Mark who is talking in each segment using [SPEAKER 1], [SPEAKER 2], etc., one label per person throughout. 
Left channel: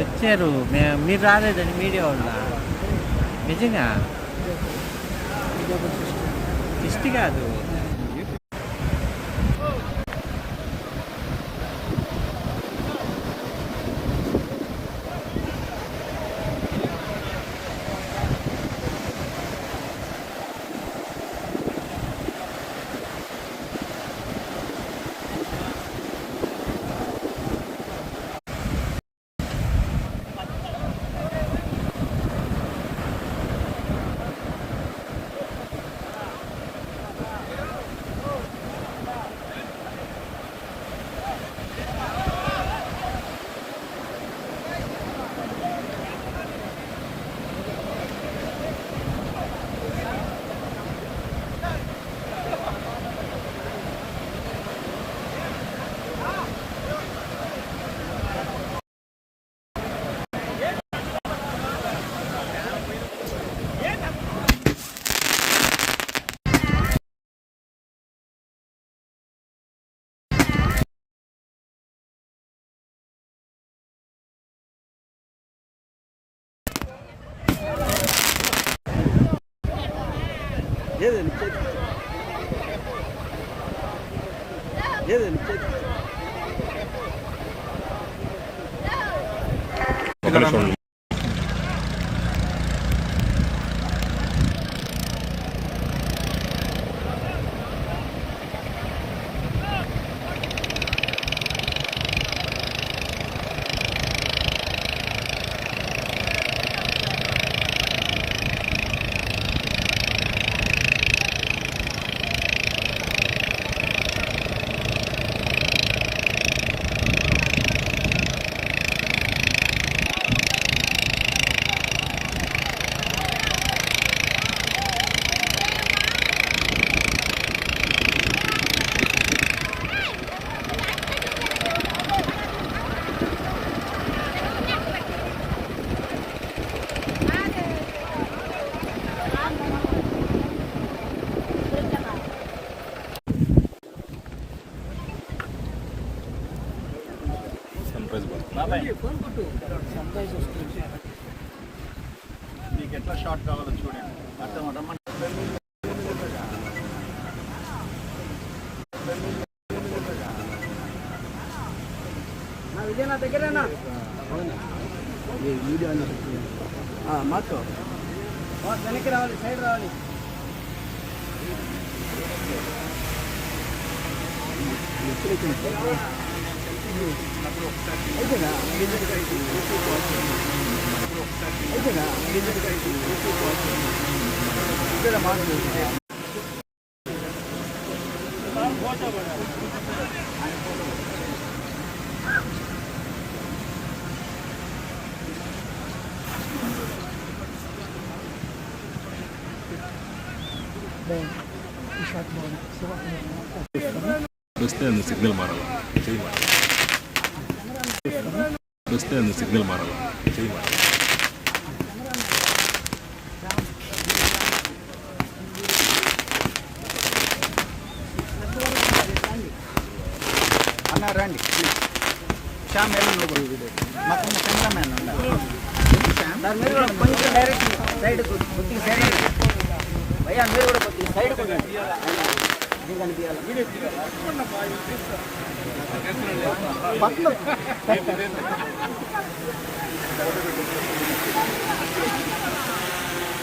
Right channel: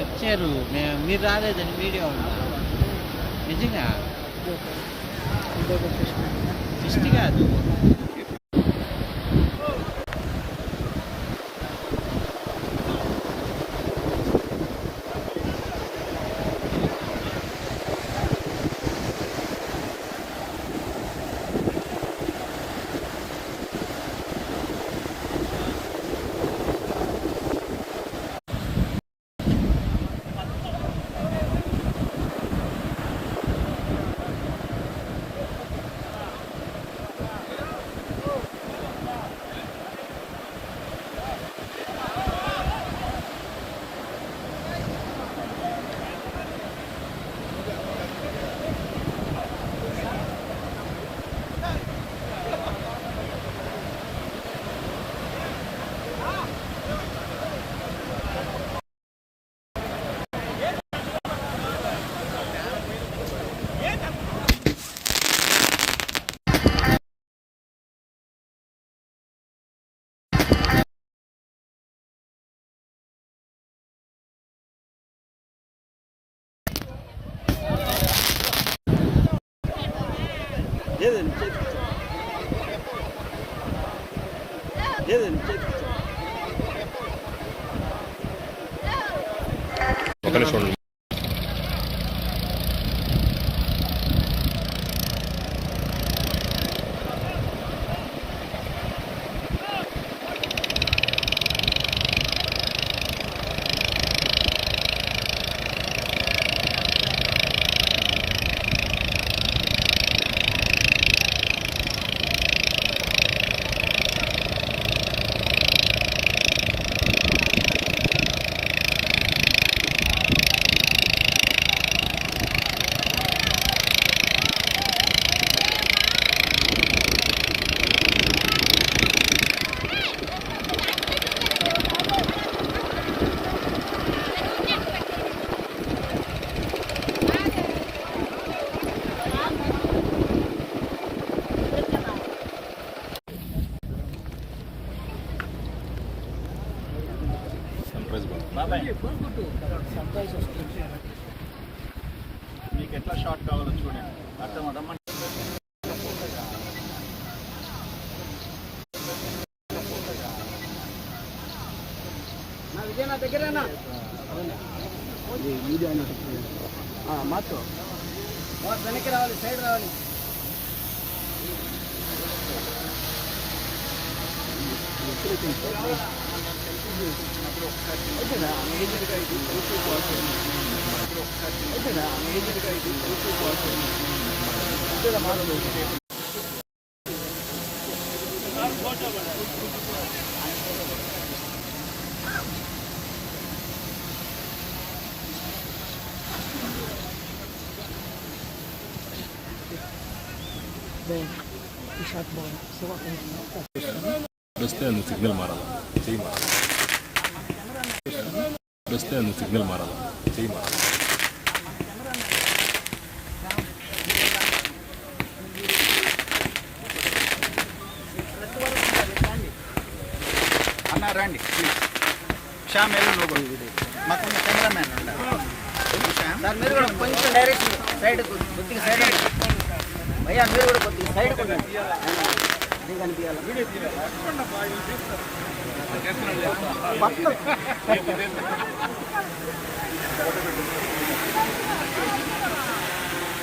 [SPEAKER 1] వచ్చారు. మీరు రాలేదని మీడియా ఉందా నిజంగా?
[SPEAKER 2] ఇదే ఒకటి చూసుకున్నాను
[SPEAKER 1] లేదు. కాదు
[SPEAKER 3] ఒక నిమిషం
[SPEAKER 4] మీకు ఎట్లా షార్ట్ కావాలో చూడండి. అర్థం రమ్మని
[SPEAKER 2] మాతో. వెనక్కి రావాలి సైడ్ రావాలి. షాట్ బాగున్నా శివ
[SPEAKER 3] వస్తే అందు సిగ్నల్ మారాల చెయ్యి మారాలి వస్తే అందు సిగ్నల్ మారాల చెయ్యి మారాలి
[SPEAKER 4] అన్న రండి శ్యామ్ ఎల్లు నువ్వు కూడా. మాకు ఉన్న కెమెరామ్యాన్ ఉండాలి. శ్యామ్
[SPEAKER 2] మీరు కూడా కొంచెం డైరెక్ట్ సైడ్ కొద్దిగా సైడ్ అయ్యా మీరు కూడా కొద్దిగా సైడ్ కొట్టండి ఇది కనిపించాలి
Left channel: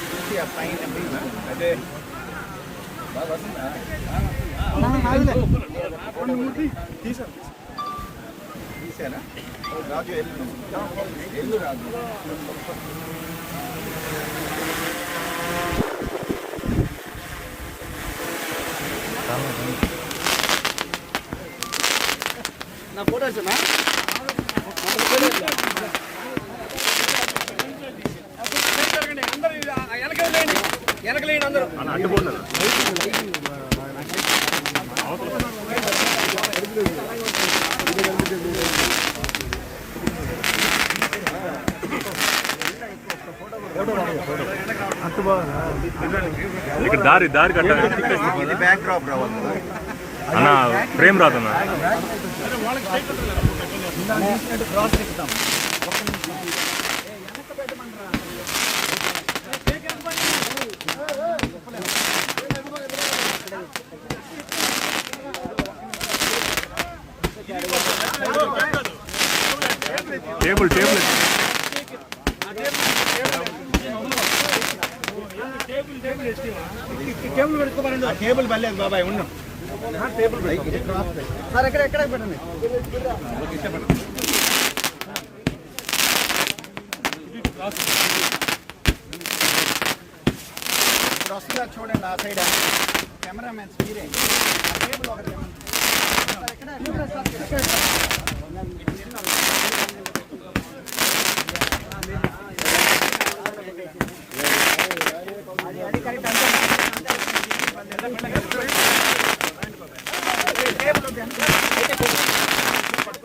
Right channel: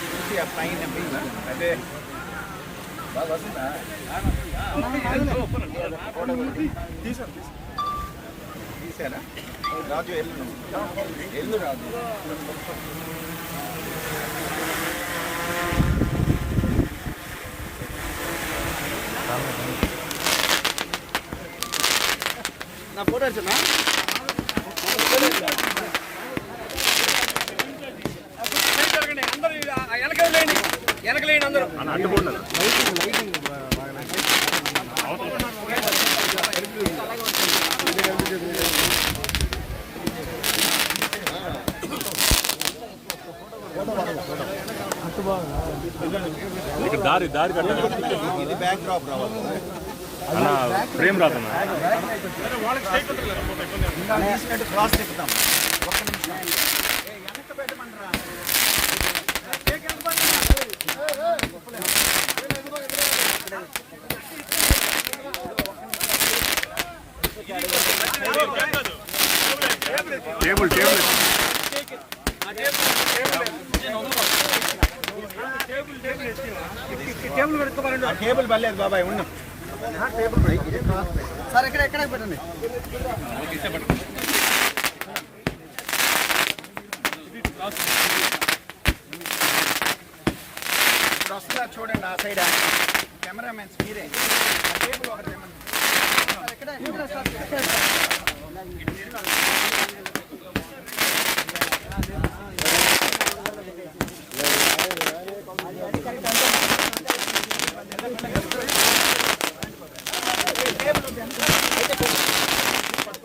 [SPEAKER 4] తీసి ఆ పైన పోయి. అదే తీసారా రాజు ఎల్లు నువ్వు ఎల్లు రాజు
[SPEAKER 2] నా ఫోటో వచ్చిందా వెనకలేని వెనకలేని అందరూ
[SPEAKER 3] ఇక్కడ దారి దారి కట్టాలి. ఫ్రేమ్ రాదన్నా.
[SPEAKER 4] క్రాస్ తిప్పుతాం ఒక్క నిమిషం. ఏ, వెనక్కి పెట్టమంటారా
[SPEAKER 3] టేబుల్ టేబుల్
[SPEAKER 4] ఆ టేబుల్ పర్లేదు బాబాయ్ ఉన్నాం.
[SPEAKER 2] సార్ ఎక్కడ ఎక్కడ పెట్టండి
[SPEAKER 4] ఇప్పుడు వస్తుందా చూడండి ఆ సైడ్ కెమెరామెన్స్ మీరే ఆ టేబుల్ ఒకటి తెమ్మండి
[SPEAKER 2] స్టాచ్యూ కనిపిస్తున్నారా టికెటింగ్ మొత్తం
[SPEAKER 4] ఈ పక్క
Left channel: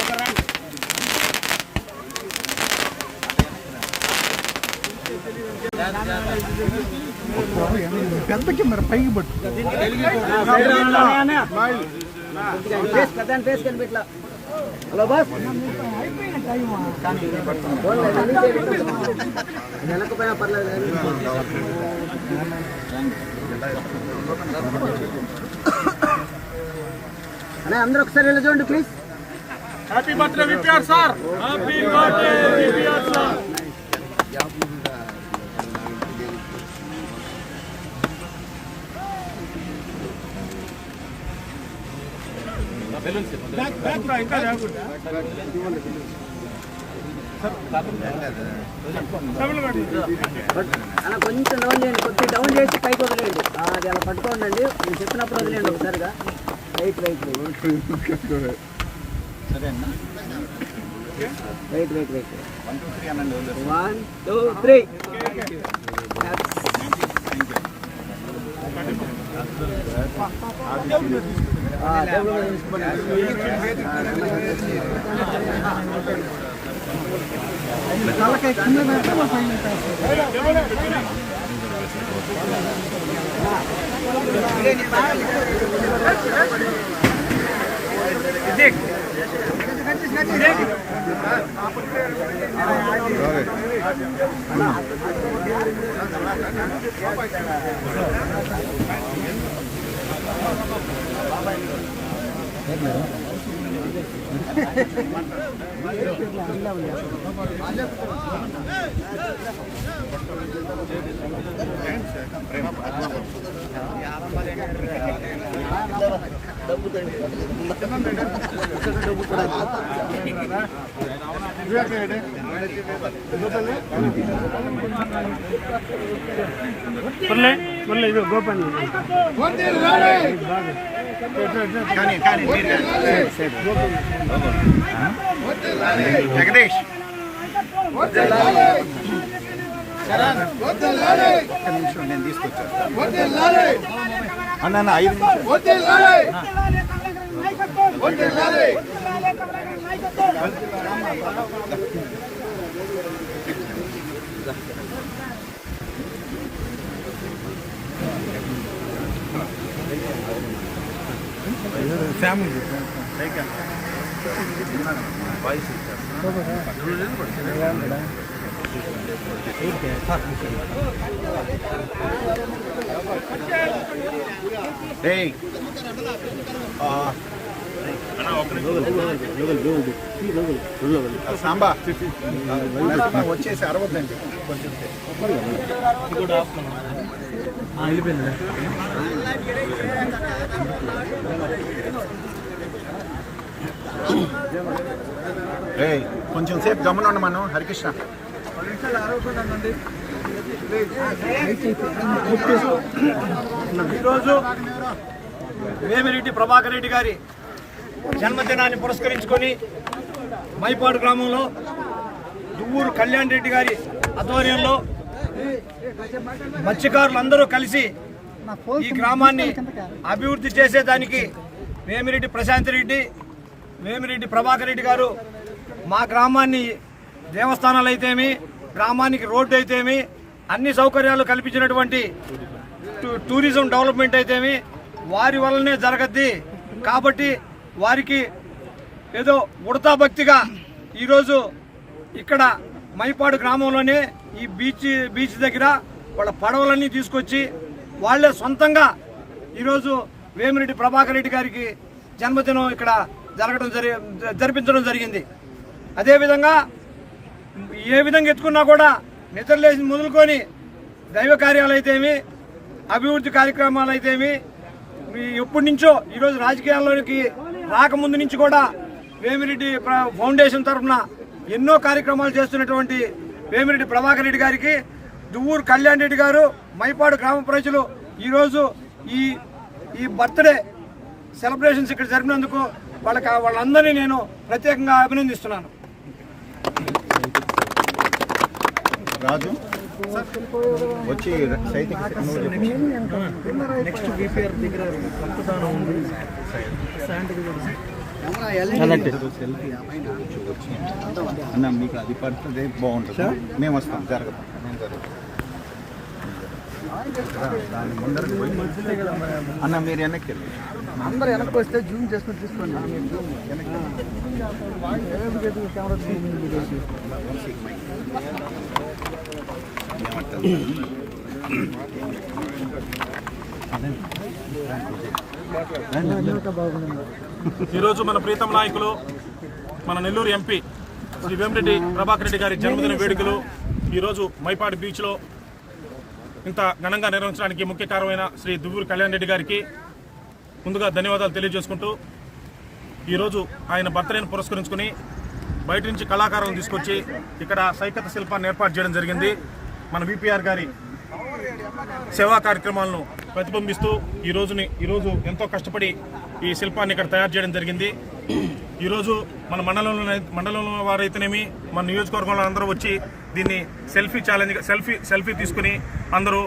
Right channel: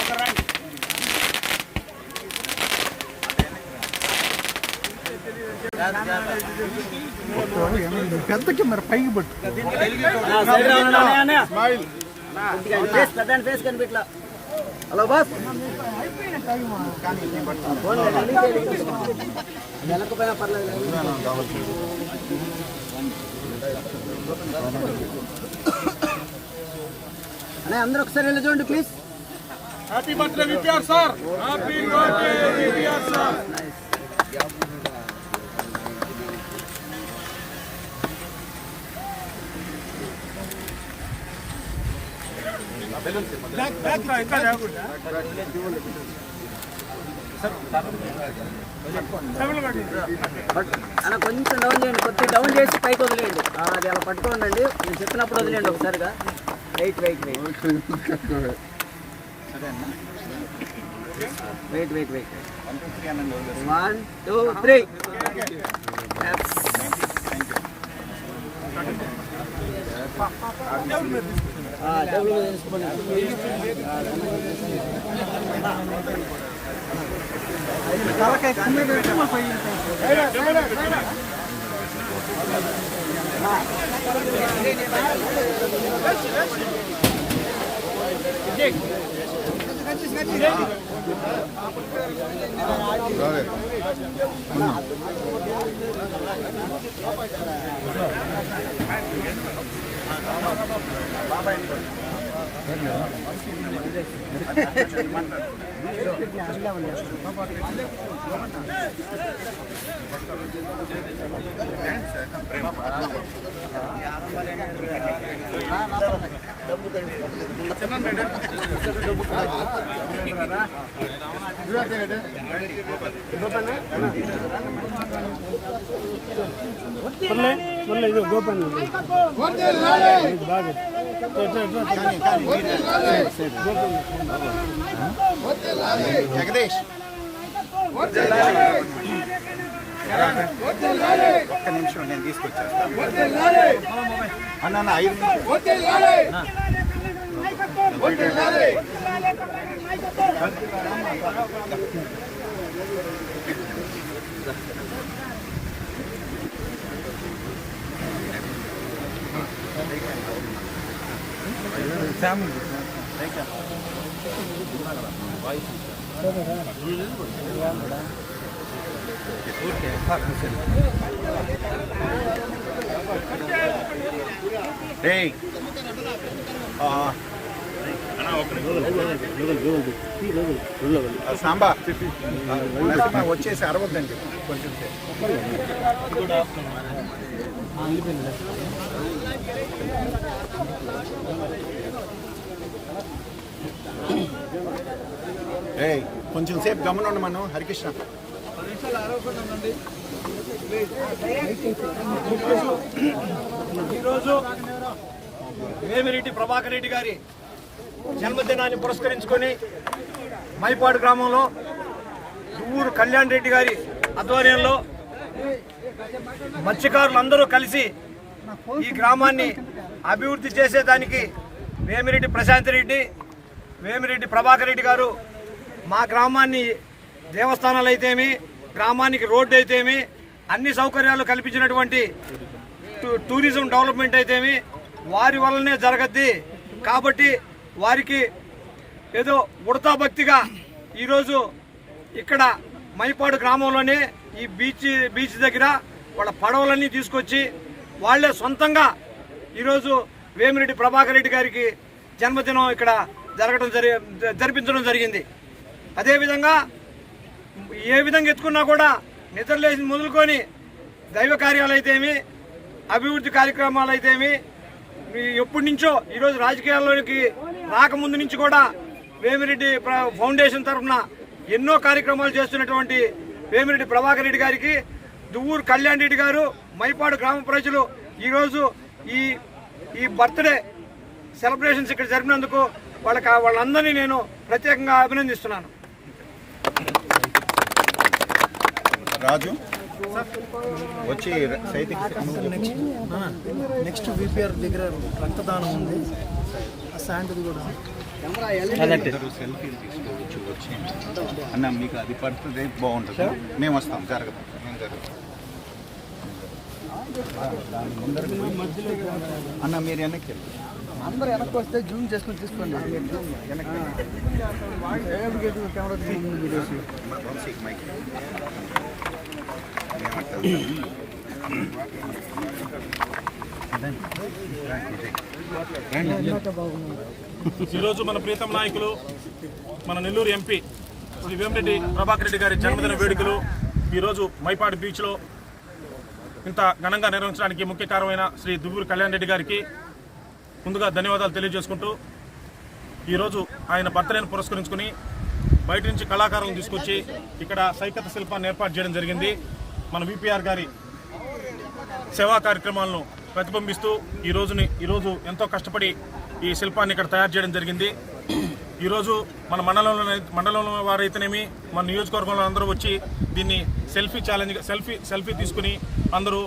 [SPEAKER 4] ఒకరు
[SPEAKER 2] పెద్ద ఫేస్ కనిపించలా హలో బాస్ వెనకపోయినా పర్లేదు అందరూ ఒకసారి వెళ్ళి చూడండి
[SPEAKER 4] please happy birthday VPR sir happy birthday VPR
[SPEAKER 2] sir కొంచెం డౌన్ చేయండి కొద్దిగా డౌన్ చేసి పైకి వదిలేయండి అది అలా పట్టుకోండి నేను చెప్పినప్పుడు వదిలేండి ఒకసారిగా రైట్ రైట్ రైట్
[SPEAKER 4] సరే అన్న
[SPEAKER 2] right right right
[SPEAKER 4] one two three thank you తలకాయ
[SPEAKER 2] వన్ టూ త్రీ బాబాయ్ మీద తీసుకోండి
[SPEAKER 4] కానీ కానీ జగదీష్. ఒక్క నిమిషం నేను తీసుకొచ్చేస్తాను అన్న ఐదు శ్యామ్ పైసలు సాంబా. వచ్చేసి అరవద్దని చెప్పు. కొంచెం కొంచెం సేపు గమనం మనం హరికృష్ణ.
[SPEAKER 5] ఈరోజు వేమిరెడ్డి ప్రభాకర్ రెడ్డి గారి జన్మదినాన్ని పురస్కరించుకొని మైపాడు గ్రామంలో దువ్వూరు కళ్యాణ్ రెడ్డి గారి ఆధ్వర్యంలో మత్స్యకారులందరూ కలిసి ఈ గ్రామాన్ని అభివృద్ధి చేసేదానికి వేమిరెడ్డి ప్రశాంత్ రెడ్డి వేమిరెడ్డి ప్రభాకర్ రెడ్డి గారు మా గ్రామాన్ని దేవస్థానాలు అయితేమి గ్రామానికి రోడ్డు అయితేమి అన్ని సౌకర్యాలు కల్పించినటువంటి టూ- టూరిజం డెవలప్మెంట్ అయితేమి వారి వల్లనే జరగద్ది. కాబట్టి వారికి ఏదో ఉడతా భక్తిగా ఈరోజు ఇక్కడ మైపాడు గ్రామంలోనే ఈ బీచ్ బీచ్ దగ్గర వాళ్ళ పడవలన్నీ తీసుకొచ్చి వాళ్ళే సొంతంగా ఈరోజు వేమిరెడ్డి ప్రభాకర్ రెడ్డి గారికి జన్మదినం ఇక్కడ జరగడం జరి జరిపించడం జరిగింది. అదేవిధంగా ఏ విధంగా ఎత్తుకున్నా కూడా నిద్రలేసి మొదలుకొని దైవ కార్యాలు అయితేమి అభివృద్ధి కార్యక్రమాలు అయితేమి ఎప్పటి నుంచో ఈరోజు రాజకీయాల్లోకి రాకముందు నుంచి కూడా వేమిరెడ్డి ఫౌండేషన్ తరఫున ఎన్నో కార్యక్రమాలు చేస్తున్నటువంటి వేమిరెడ్డి ప్రభాకర్ రెడ్డి గారికి దువ్వూరు కళ్యాణ్ రెడ్డి గారు మైపాడు గ్రామ ప్రజలు ఈరోజు ఈ ఈ బర్త్డే సెలబ్రేషన్స్ ఇక్కడ జరిపినందుకు వాళ్ళకి వాళ్ళందరినీ నేను ప్రత్యేకంగా అభినందిస్తున్నాను.
[SPEAKER 4] రాజు. వచ్చి చెప్పు.
[SPEAKER 6] నెక్స్ట్ విపిఆర్ దగ్గర రక్తదానం ఉంది.
[SPEAKER 4] అన్న మీకు అది పడుతుంది బాగుంటుంది. మేము వస్తాం జరగదు. మేము జరుగుతాం దాని ముందరకు పోయి. అన్న మీరు వెనక్కి వెళ్ళి.
[SPEAKER 6] అందరూ వెనక్కి వస్తే జూమ్ చేసుకుని తీసుకోండి. కెమెరా
[SPEAKER 7] ఈరోజు మన ప్రీతం నాయకులు మన నెల్లూరు ఎంపీ శ్రీ వేమిరెడ్డి ప్రభాకర్ రెడ్డి గారి జన్మదిన వేడుకలు ఈరోజు మైపాడు బీచ్లో ఇంత ఘనంగా నిర్వహించడానికి ముఖ్య కారణమైన శ్రీ దువ్వూరు కళ్యాణ్ రెడ్డి గారికి ముందుగా ధన్యవాదాలు తెలియజేసుకుంటూ ఈరోజు ఆయన బర్త్డేను పురస్కరించుకుని బయట నుంచి కళాకారులను తీసుకొచ్చి ఇక్కడ సైకత శిల్పాన్ని ఏర్పాటు చేయడం జరిగింది. మన విపిఆర్ గారి సేవా కార్యక్రమాలను ప్రతిబింబిస్తూ ఈ రోజుని ఈరోజు ఎంతో కష్టపడి ఈ శిల్పాన్ని ఇక్కడ తయారు చేయడం జరిగింది. ఈరోజు మన మండలంలో మండలంలో వారైతేనేమి మన నియోజకవర్గంలో అందరూ వచ్చి దీన్ని సెల్ఫీ ఛాలెంజ్ సెల్ఫీ సెల్ఫీ తీసుకుని అందరూ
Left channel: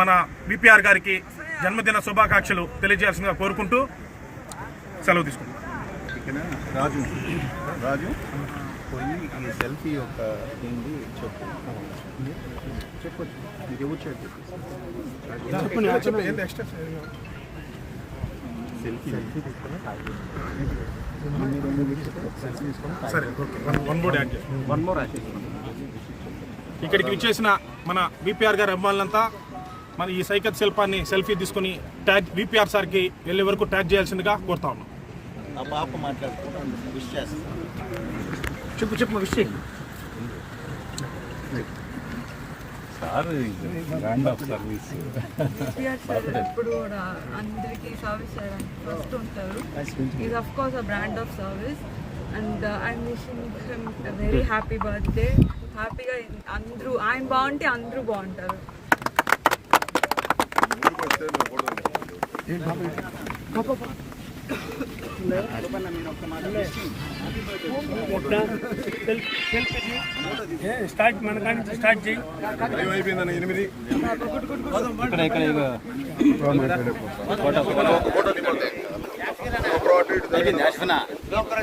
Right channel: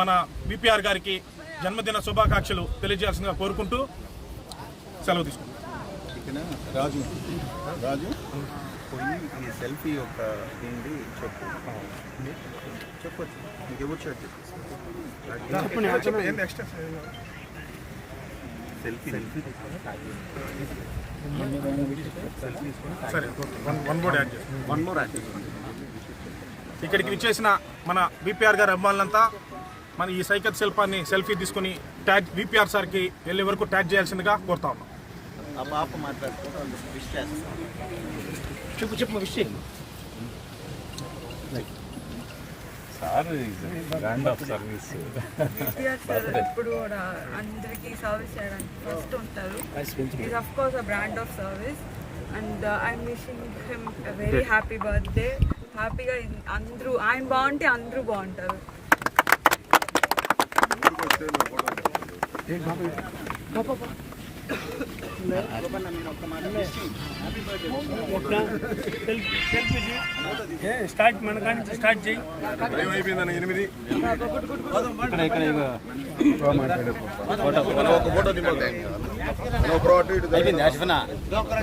[SPEAKER 7] మన బీపీఆర్ గారికి జన్మదిన శుభాకాంక్షలు తెలియజేయాల్సిందిగా కోరుకుంటూ సెలవు తీసుకుంటాం
[SPEAKER 4] రాజు. రాజు? పోయి ఈ సెల్ఫీ యొక్క ఏంటి చెప్పు. చెప్పొచ్చు నీకు ఎవరు షేర్ సెల్ఫీ
[SPEAKER 7] సరే వన్ వన్ బోర్డ్ యాడ్ చేస్తాం వన్ మోర్ యాడ్ ఇక్కడికి విచ్చేసిన మన విపిఆర్ గారి అభిమానులంతా మన ఈ సైకత్ శిల్పాన్ని సెల్ఫీ తీసుకుని ట్యాగ్ విపిఆర్ సార్కి వెళ్ళే వరకు ట్యాగ్ చేయాల్సిందిగా కోరుతా ఉన్నాం.
[SPEAKER 4] ఆ పాప మాట్లాడుతూ విష్
[SPEAKER 5] చెప్పు చెప్పు విషయం.
[SPEAKER 3] సార్ గ్రాండ్ ఆఫ్ సర్వీస్
[SPEAKER 8] ఎప్పుడు కూడా అందరికీ సర్వీస్ చేయడానికి ఫస్ట్ ఉంటారు. Is of course a brand of service and I'm wishing him very happy birthday హ్యాపీగా అందరూ ఆయన బాగుంటే అందరూ బాగుంటారు.
[SPEAKER 5] స్టార్ట్ మన కాడి నుంచి స్టార్ట్ చేయి.